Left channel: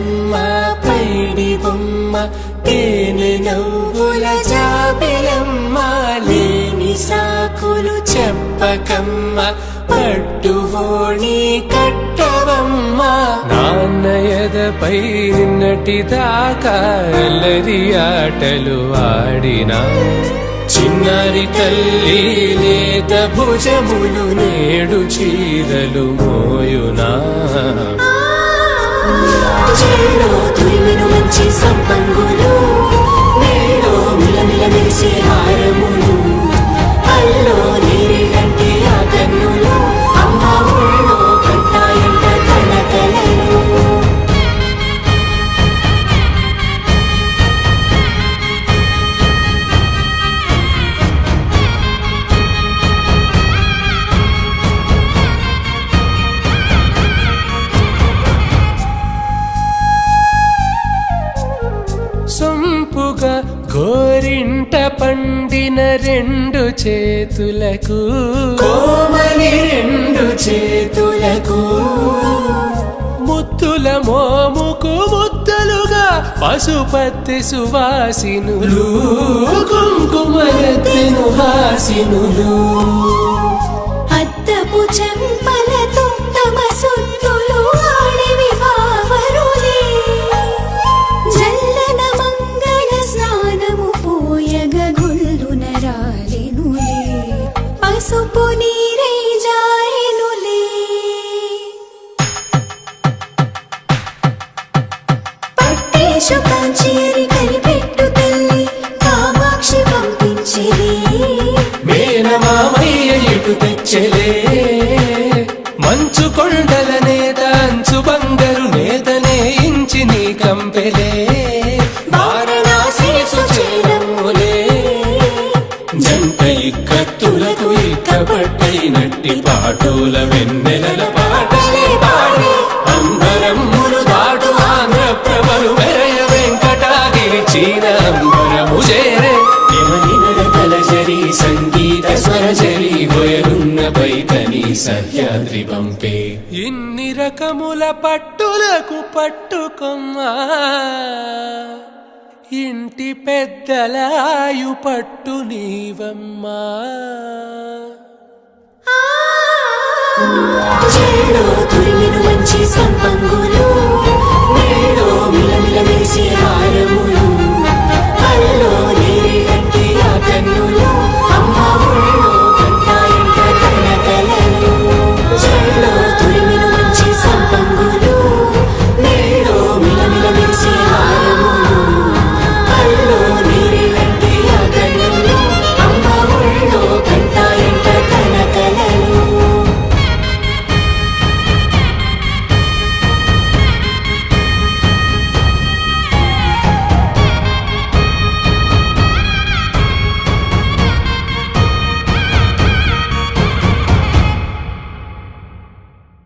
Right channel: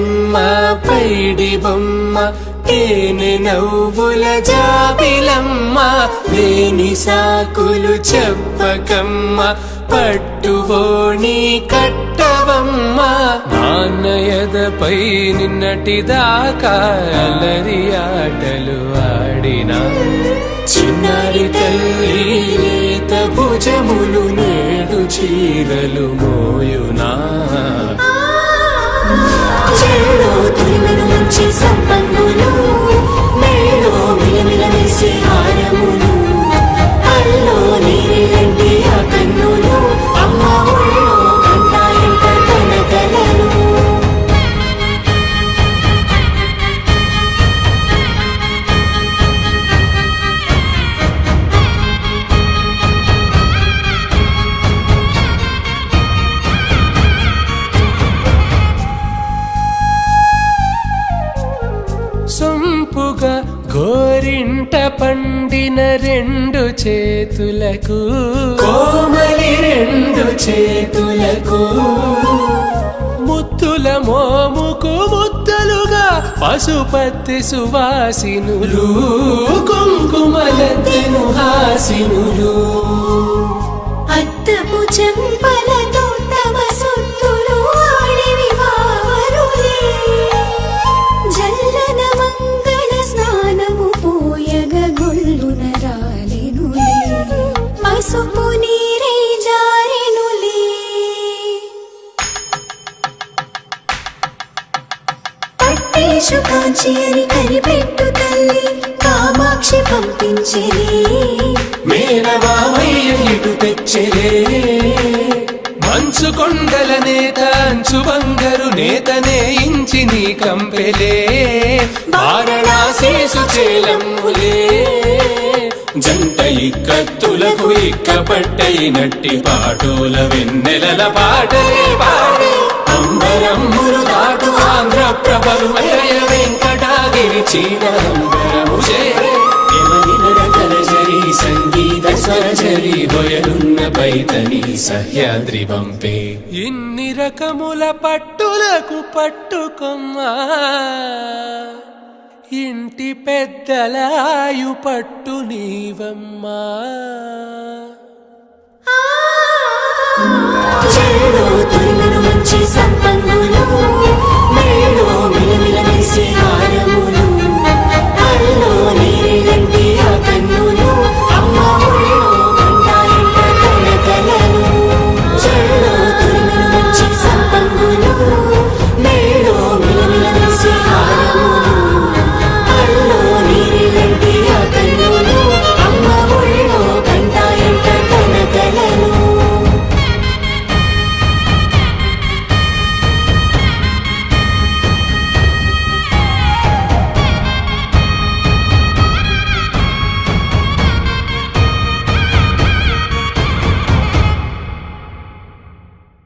బొమ్మ పైడి బొమ్మ తేనె నవ్వుల జాబిలమ్మ లేని సాకులు చెప్పకమ్మ పట్టువోణి కట్టవమ్మ నాన్నయదపై నిన్నటిదాకా అల్లరి ఆటలు ఆడినా చిన్నారి తల్లి లేత భుజములు నేడు చీరలు మోయునా చెల్లో తురిమిన మంచి సంపంగులు మెల్లో మిలమిల మెరిసే హారములు అల్లో నీరేలంటే ఆ కన్నులు అమ్మ ఒళ్ళో కంటాయంట తన కలలు సొంపుగా గోరింట పండిన రెండు చేతులకు కోమలి రెండు చేతులకు ముత్తుల మోముకు ముద్దలుగా పసుపత్తి సువాసినులు కుంకుమలెత్తిను హాసినులు అద్దపు చెంపలతో తమ సొత్తులు ఆడివి బావరులే జల్లన మంగళ స్నానము పోయగ గొల్లున రాలినులే పసుపు నీరై జారినులే పట్టేషు కాంచి అని కనిపెట్టు తల్లి కామాక్షి పంపించిరి మేనమామయ్య ఎటు తెచ్చలే మంచు కొండల నేత అంచు బంగారు నేతనే ఇంచి నీ కంపెలే వారణాసి సుచేలమ్ములే జంట ఇక్కత్తులకు ఇక్కపట్టైనట్టి పాటోల వెన్నెలల పాటలే పాడే అంబరమ్ములు దాటు ఆంధ్ర ప్రభలు వేయ వెంకటాగిరి చీన అంబరము చేరే యమని నడకల జరి సంగీత స్వరజరి హొయలున్న పైతని సహ్యాద్రి పంపే ఇన్ని రకముల పట్టులకు పట్టుకొమ్మా ఇంటి పెద్దలాయు పట్టు నీవమ్మా చెల్లో తురిమిన మంచి సంపంగులు